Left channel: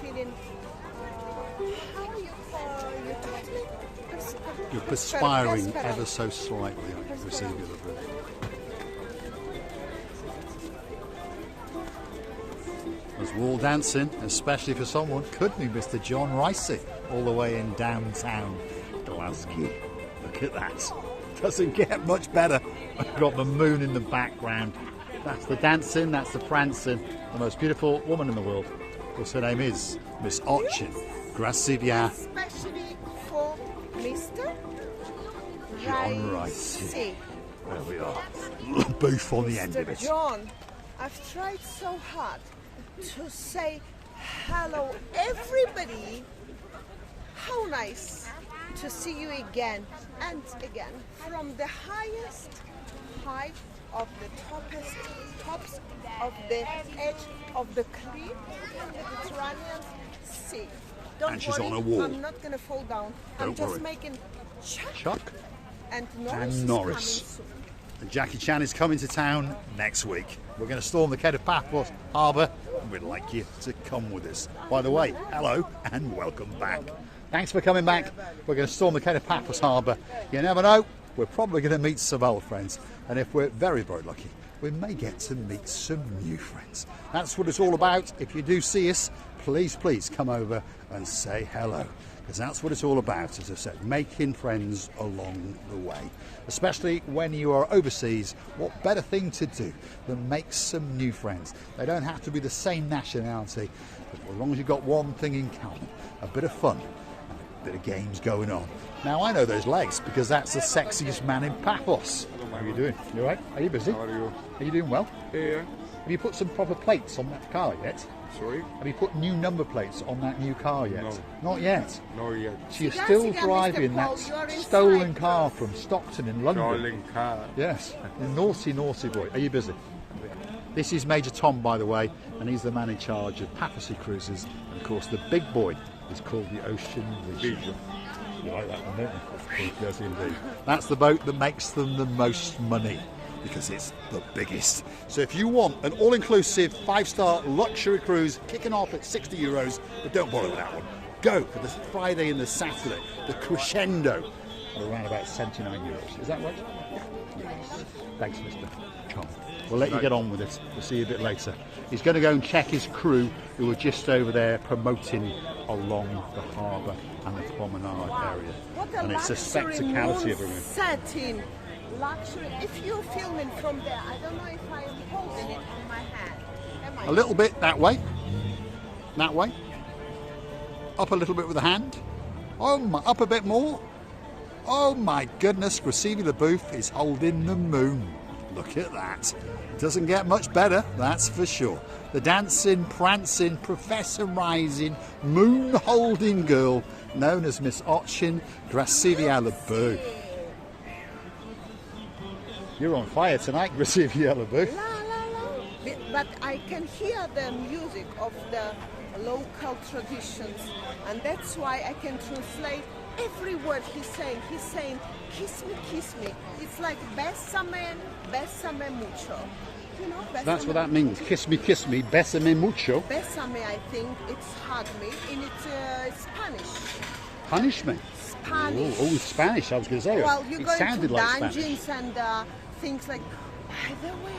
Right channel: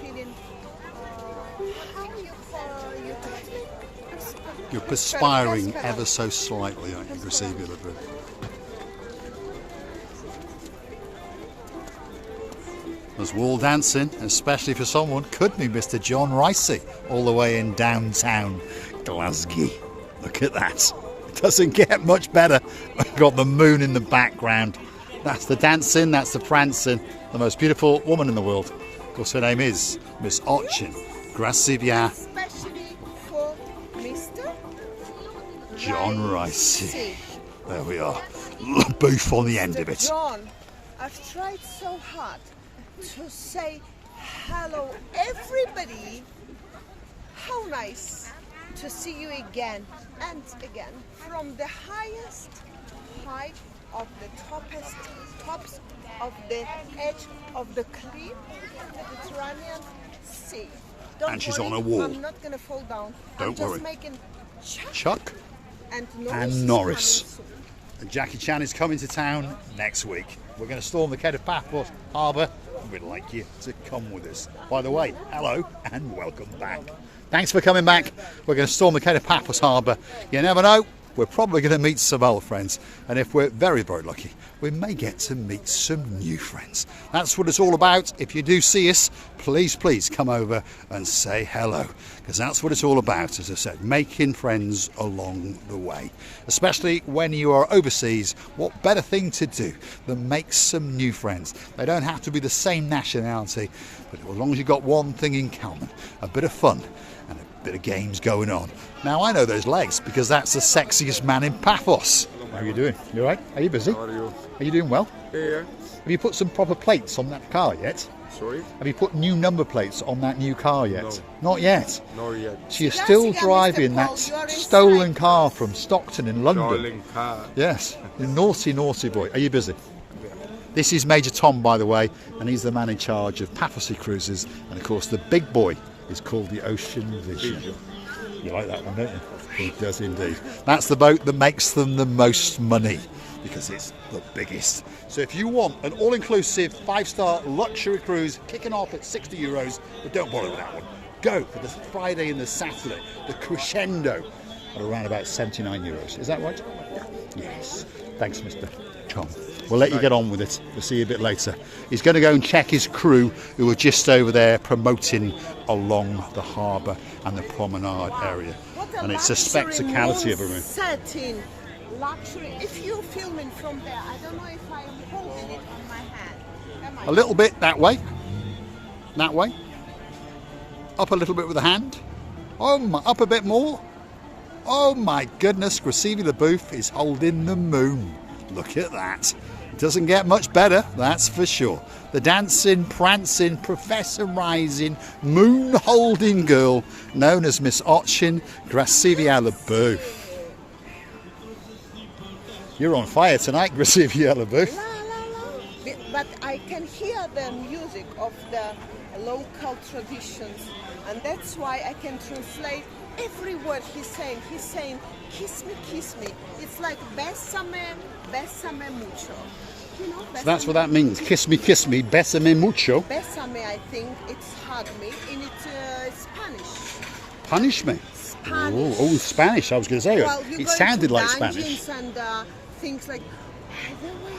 feeling, how you call, you taught me? You're perspiring ever so slightly, aren't you, Gracevia the Boo? There's wall dancing, especially for someone, could be Mr. John Ricey, all the way in downtown Glasgow. Look at that. Doesn't get much better. We've got the moon in the background. That's the dancing, that's the prancing. The most beautiful woman in the world. Of course, her name is Miss Ochin Gracevia. Especially for Mr. John Ricey. There we are. Booth on the end of it. John, I've tried so hard to say hello, everybody. How nice to see you again and again from the highest height of the tops of the edge of the cliff in the Mediterranean Sea. Don't And she's worry, on a wall. I'm not going to fall down. I'm Don't just worry. making Chuck and and Norris. And Jackie Chan is coming to town next week. We're going to storm the Kato Paphos Harbour, and we'd like you to come with us. By the way, hello and welcome back. Thanks for coming back. We're going to storm the Kato Paphos Harbour. You never know, we're probably going to meet some old friends, and if we're very, very lucky, we may get to meet some new friends. That's what it's all about. If you do see us, please, please come over and say hello, because that's what it's all about, as I said, making friends along the way. Especially when you are overseas, what better thing to do than make some new friends? They don't have to be the same nationality, but as long as you've got one thing in common, a bit of fun and a bit of games going on. Now, I know those legs because that's the sexiest man in Paphos. How are you doing? You all right? Are you busy? How are you? Are you doing well? Yeah. Have you put some proper plates on that car yet? Sorry? Have you put new number plates on that new car yet? No. Not yet. Not yet. So you're still driving that stolen car from Stockton in London. Stolen car. Yes. You naughty, naughty boy. Are you busy? This is Major Tom, by the way, and he's the man in charge of Paphos Cruises. And of course, the big boy is called the Ocean Vision. You like that one, don't you? Of course, it does indeed. That's the boat that makes them the most money, because it's the biggest. So if you want an all-inclusive 5-star luxury cruise kicking off at €60, but don't bother with that one. Go for the Friday and the Saturday, the Crescendo, at around about €79. Is that right? Yes. Thanks, Mr. Tom. We'll let you get on with it. We'll see you a bit later. He's going to go and check his crew who are just over there promoting along the harbour and the promenade area. And it's a spectacality of a room. Setting, luxury. If you're filming from there, I don't know if I am holding it on my hand. Am I? A little bit that way. That way. Up a little bit with the hand. Oh my, up a bit more. Oh my goodness, Gracevia the Booth is holding the moon. Look at that. Doesn't get much better, that's for sure. The dancing, prancing, professorising, moon-holding girl known as Miss Ochin Gracevia the Booth. You're on fire tonight, Gracevia the Booth. La, la, la. But I can hear the music of the local traditions, and that's why I can translate every word he's saying. He's saying, kiss me. It's like bésame, bésame mucho. You know, So that's what that means. Kiss me, bésame mucho. Bésame, I think it's hug me in Spanish. Punish me. Spanish. Oh, Spanish, I was going to say. Well, you it go sounded into like dungeons Spanish. and things like. By the way,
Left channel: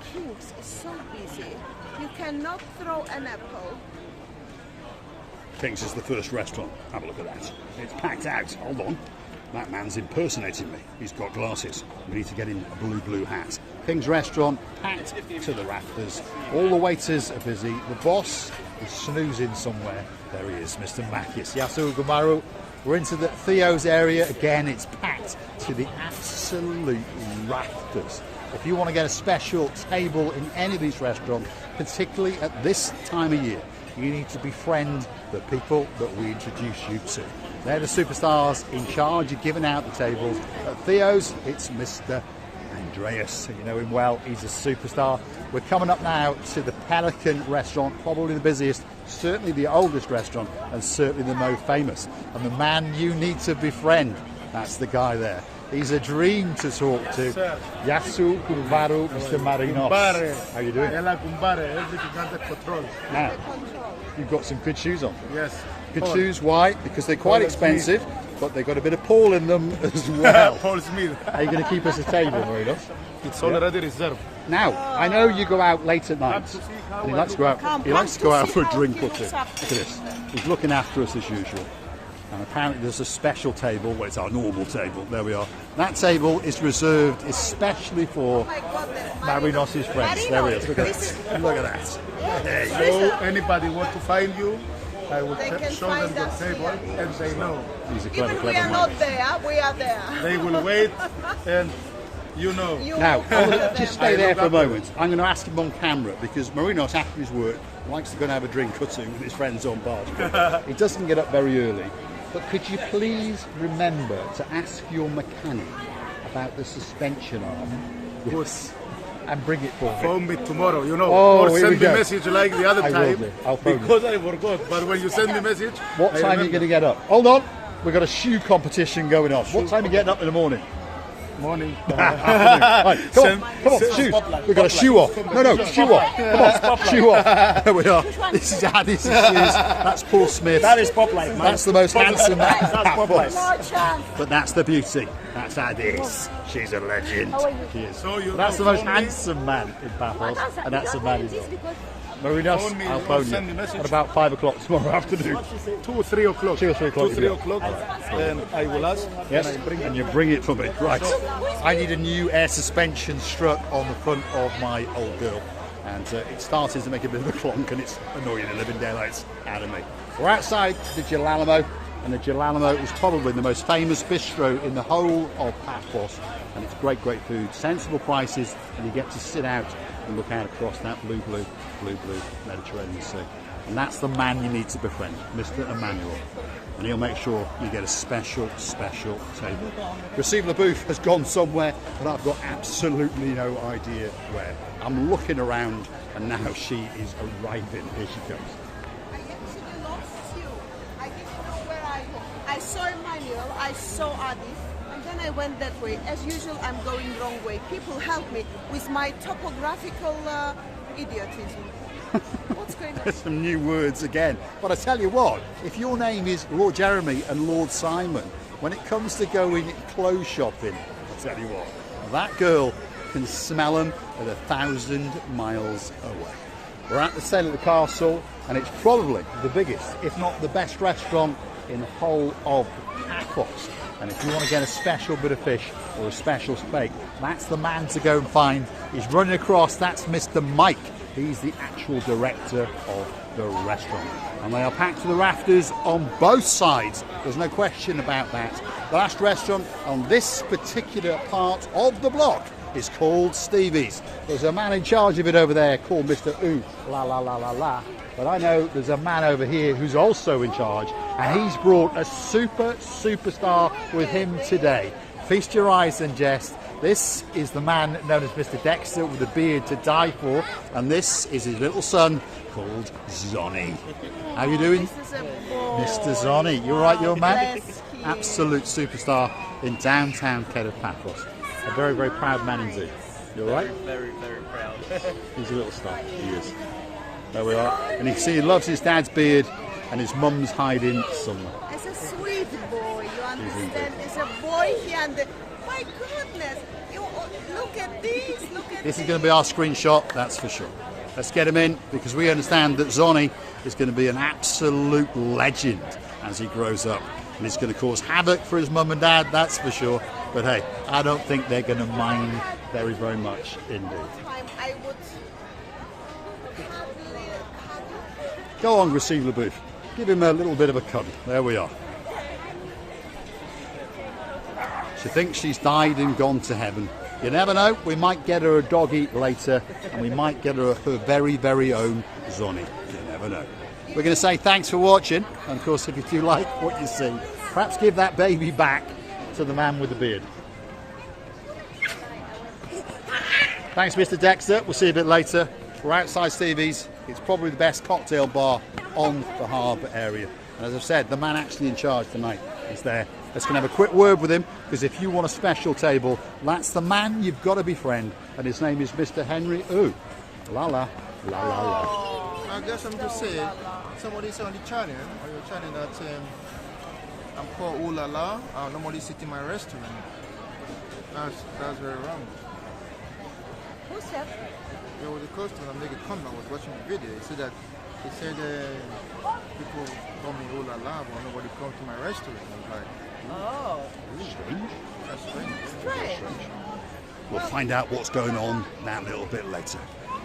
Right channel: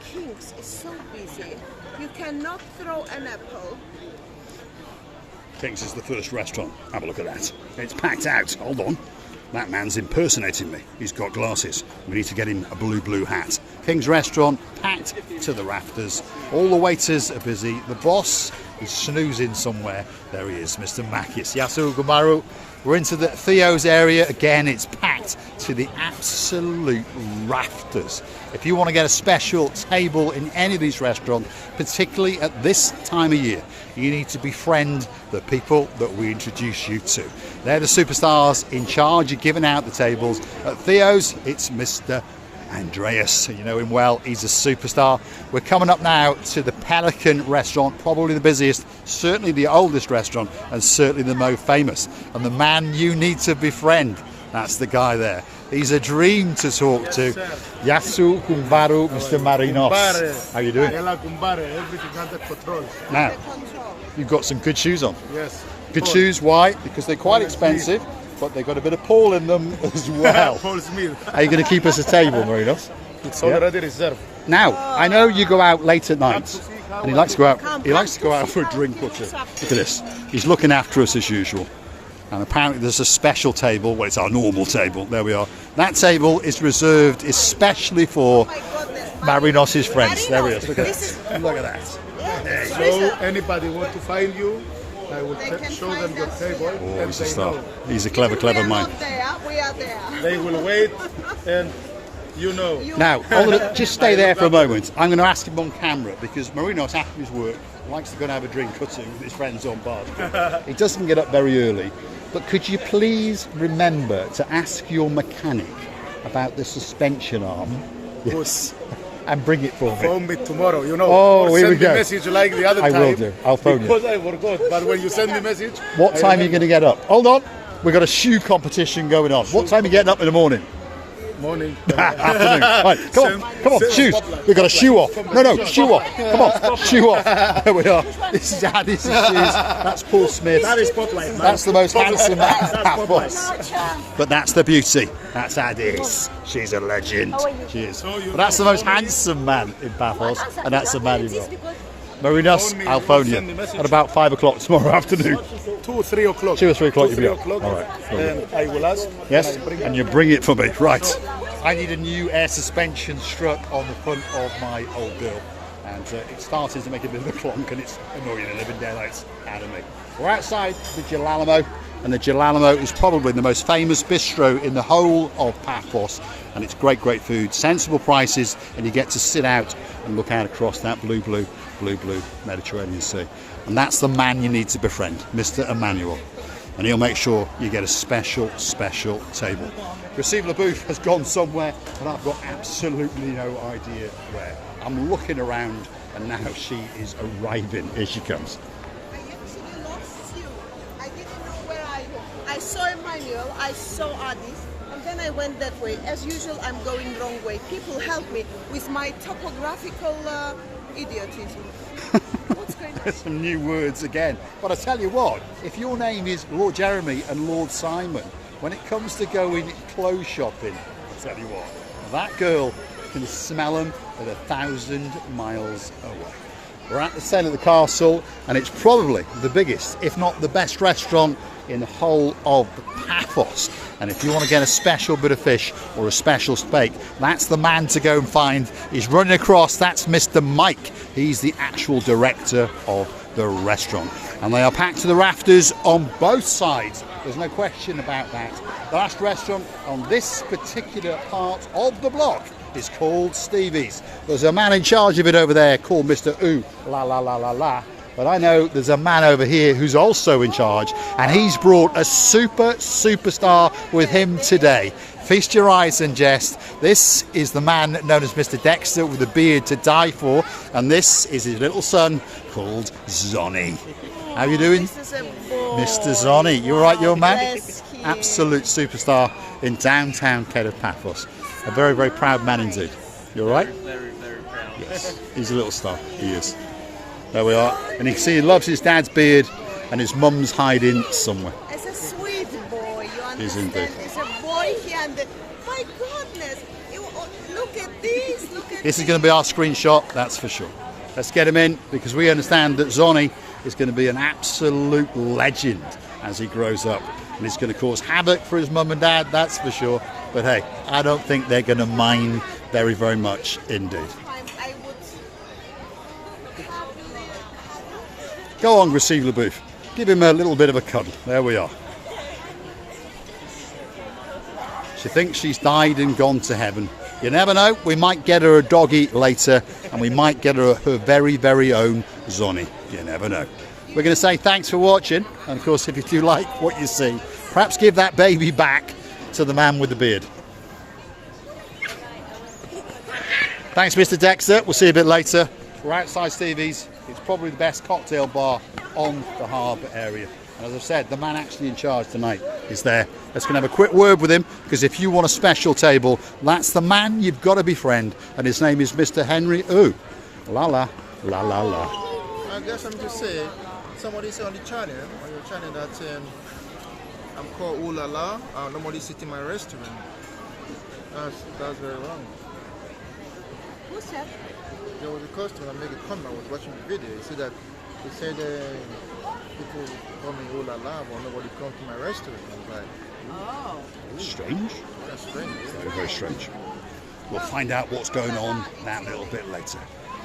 Kings is so busy. You cannot throw an apple. King's is the first restaurant. Have a look at that. It's packed out. Hold on. That man's impersonating me. He's got glasses. We need to get him a blue hat. King's restaurant, packed to the rafters. All the waiters are busy. The boss is snoozing somewhere. There he is, Mr. Makis. Yasu Gumaru. We're into the Theo's area. Again, it's packed to the absolute rafters. If you want to get a special table in any of these restaurants, particularly at this time of year, you need to befriend the people that we introduce you to. They're the superstars in charge of giving out the tables. At Theo's, it's Mr. Andreas. You know him well, he's a superstar. We're coming up now to the Pelican restaurant, probably the busiest, certainly the oldest restaurant, and certainly the most famous. And the man you need to befriend, that's the guy there. He's a dream to talk to. Yasu Kumbaru, Mr. Marinos. How are you doing? Everything under control. Now, you've got some good shoes on. Yes. Good Paul. shoes, why? Because they're quite Paul expensive, but they've got a bit of Paul in them as well. Paul Smith. Are you going to keep us a table, Marinos? It's already reserved. Now, I know you go out late at night, and he likes to go out. He likes to go out for a drink or two. Look at this. He's looking after us as usual. And apparently there's a special table. Well, it's our normal table. There we are. That table is reserved especially for Marinos' friends. There he is. Look at that. Look at that. There you go. So anybody want to find you, I will show them your table, and they know. He's a clever, clever man. We are there. They will wait, and you know. Now, just stay there for a moment. I'm going to ask him on camera because Marinos, after his work, likes to go and have a drink or two with his friends on Bar Street. He doesn't get up very early. But could you please remember to ask your mechanic about the suspension arm? Yes. And bring it for me. Phone me tomorrow, you know, Oh, or here send we me go. message like the other I time. will do. I'll phone you. Because I forgot. But when you send me message, What I time are you remember. going to get up? Hold on. We've got a shoe competition going on. What time are you getting up in the morning? Morning. Afternoon. Right, come on, shoes. We've got a shoe off. No, shoe off. Come on, shoe off. There we are. This is Addy's shoes. That's Paul Smith. That is Popeye, man. That's the most handsome man. That's Popeye. No chance. But that's the beauty. That's Addis. She's a legend. She is. But that's the most handsome man in Paphos, and that's the man in Marinos. Phone me, I'll you phone send me you message. at about 5 o'clock tomorrow afternoon. 2 or 3 o'clock. 2 or 3 o'clock. 2 or 3 you'll be up. o'clock. All right. And I will ask. Yes, And I bring and you bring it for me. Right. I need a new air suspension strut on the front of my old girl. And it started to make a bit of a clonk, and it's annoying the living daylights out of me. We're outside the Gelalamo, and the Gelalamo is probably the most famous bistro in the whole of Paphos. And it's great, great food, sensible prices, and you get to sit out and look out across that blue Mediterranean Sea. And that's the man you need to befriend, Mr. Emmanuel. And he'll make sure you get a special table. Receive LaBouffe has gone somewhere, and I've got absolutely no idea where. I'm looking around, and now she is arriving. Here she comes. I actually lost you. I didn't know where I go. I saw Emmanuel, I saw Addis, and then I went that way. As usual, I'm going wrong way. People help me with my topographical idiotism. What's going on? There's some new words again. But I tell you what, if your name is Lord Jeremy and Lord Simon, when it comes to going clothes shopping, I tell you what, that girl can smell them at 1,000 miles away. We're at the Saint of the Castle, and it's probably the biggest, if not the best restaurant in the whole of Paphos. And if you want to get a special bit of fish or a special steak, that's the man to go and find. He's running across. That's Mr. Mike. He's the actual director of the restaurant. And they are packed to the rafters on both sides. There's no question about that. The last restaurant on this particular part of the block is called Stevie's. There's a man in charge of it over there called Mr. Ooh La La La La La. But I know there's a man over here who's also in charge, and he's brought a superstar with him today. Feast your eyes and jest. This is the man known as Mr. Dexter with a beard to die for, and this is his little son called Zonny. How you doing? Mr. Zonny, you all right, your man? Yes, he is. Absolute superstar in downtown Kato, Paphos. A very, very proud man indeed. You all right? Very, very proud. He's a little star. He is. There we are. And you can see he loves his dad's beard, and his mum's hiding somewhere. It's a sweet boy, you He's understand? indeed. It's a boy here, and my goodness, look at this, look at This is going to be our screenshot, that's for sure. Let's get him in, because we understand that Zonny is going to be an absolute legend as he grows up. And he's going to cause havoc for his mum and dad, that's for sure. But hey, I don't think they're going to mind very, very much indeed. time I would cuddle. Go on, receive LaBouffe. Give him a little bit of a cuddle. There we are. She thinks she's died and gone to heaven. You never know, we might get her a doggy later, and we might get her her very, very own Zonny. You never know. We're going to say thanks for watching, and of course, if you do like what you see, perhaps give that baby back to the man with the beard. Thanks, Mr. Dexter. We'll see you a bit later. We're outside Stevie's. It's probably the best cocktail bar on the harbour area. And as I said, the man actually in charge tonight is there. Let's go and have a quick word with him, because if you want a special table, that's the man you've got to befriend. And his name is Mr. Henry Ooh. La la, la la la. I guess I'm just saying, somebody say on the channel, on your channel, that I'm called Ooh La La. Nobody sit in my restaurant. That's very wrong. Who said? There was a customer that made a comment. I was watching the video. He said people call me Ooh La La, but nobody comes to my restaurant. I was like, Oh. Strange. that's strange. Very, very strange. We'll find out what's going on that little bit later.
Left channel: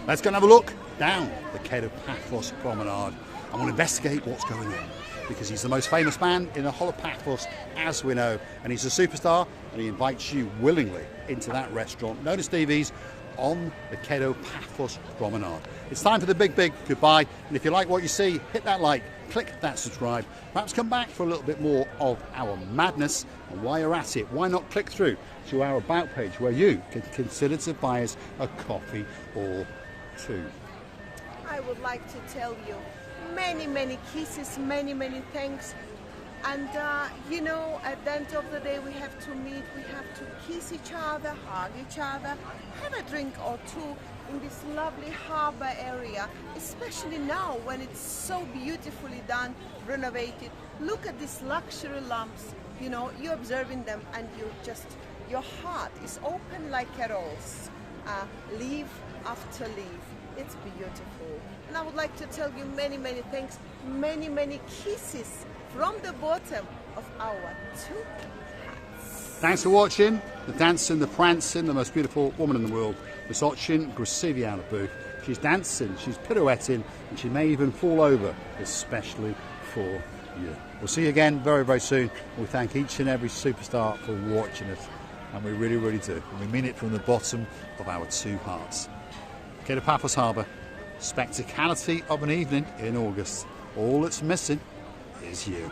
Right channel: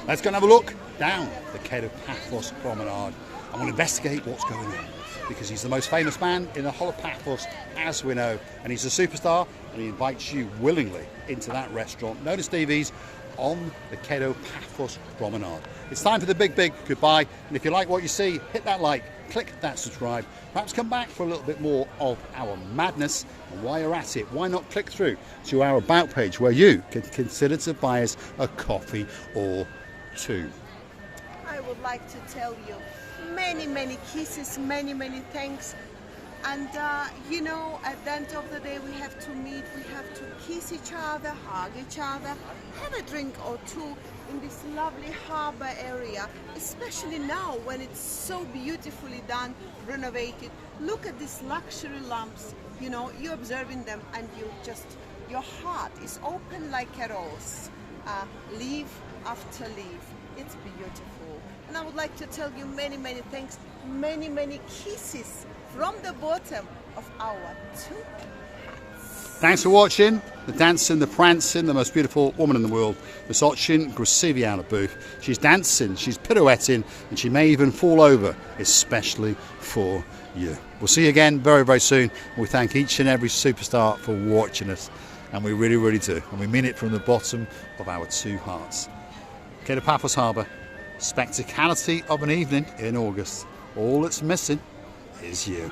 Let's go and have a look down the Kato Paphos promenade and we'll investigate what's going on, because he's the most famous man in the whole of Paphos, as we know, and he's a superstar, and he invites you willingly into that restaurant known as Stevie's on the Kato Paphos promenade. It's time for the big goodbye, and if you like what you see, hit that like, click that subscribe, perhaps come back for a little bit more of our madness. And while you're at it, why not click through to our about page where you can consider to buy us a coffee or two. I would like to tell you many kisses, many thanks. And you know, at the end of the day, we have to meet, we have to kiss each other, hug each other, have a drink or two in this lovely harbor area, especially now when it's so beautifully done, renovated. Look at these luxury lamps, you know, you're observing them and your heart is open like a rose, leaf after leaf. It's beautiful. And I would like to tell you many thanks, many kisses from the bottom of our two hearts. Thanks for watching. The dancing, the prancing, the most beautiful woman in the world, Miss Ochin Grasiviana Booth. She's dancing, she's pirouetting, and she may even fall over, especially for you. We'll see you again very soon. We thank each and every superstar for watching us, and we really do. And we mean it from the bottom of our two hearts. Kato Paphos Harbour, spectacality of an evening in August. All that's missing is you.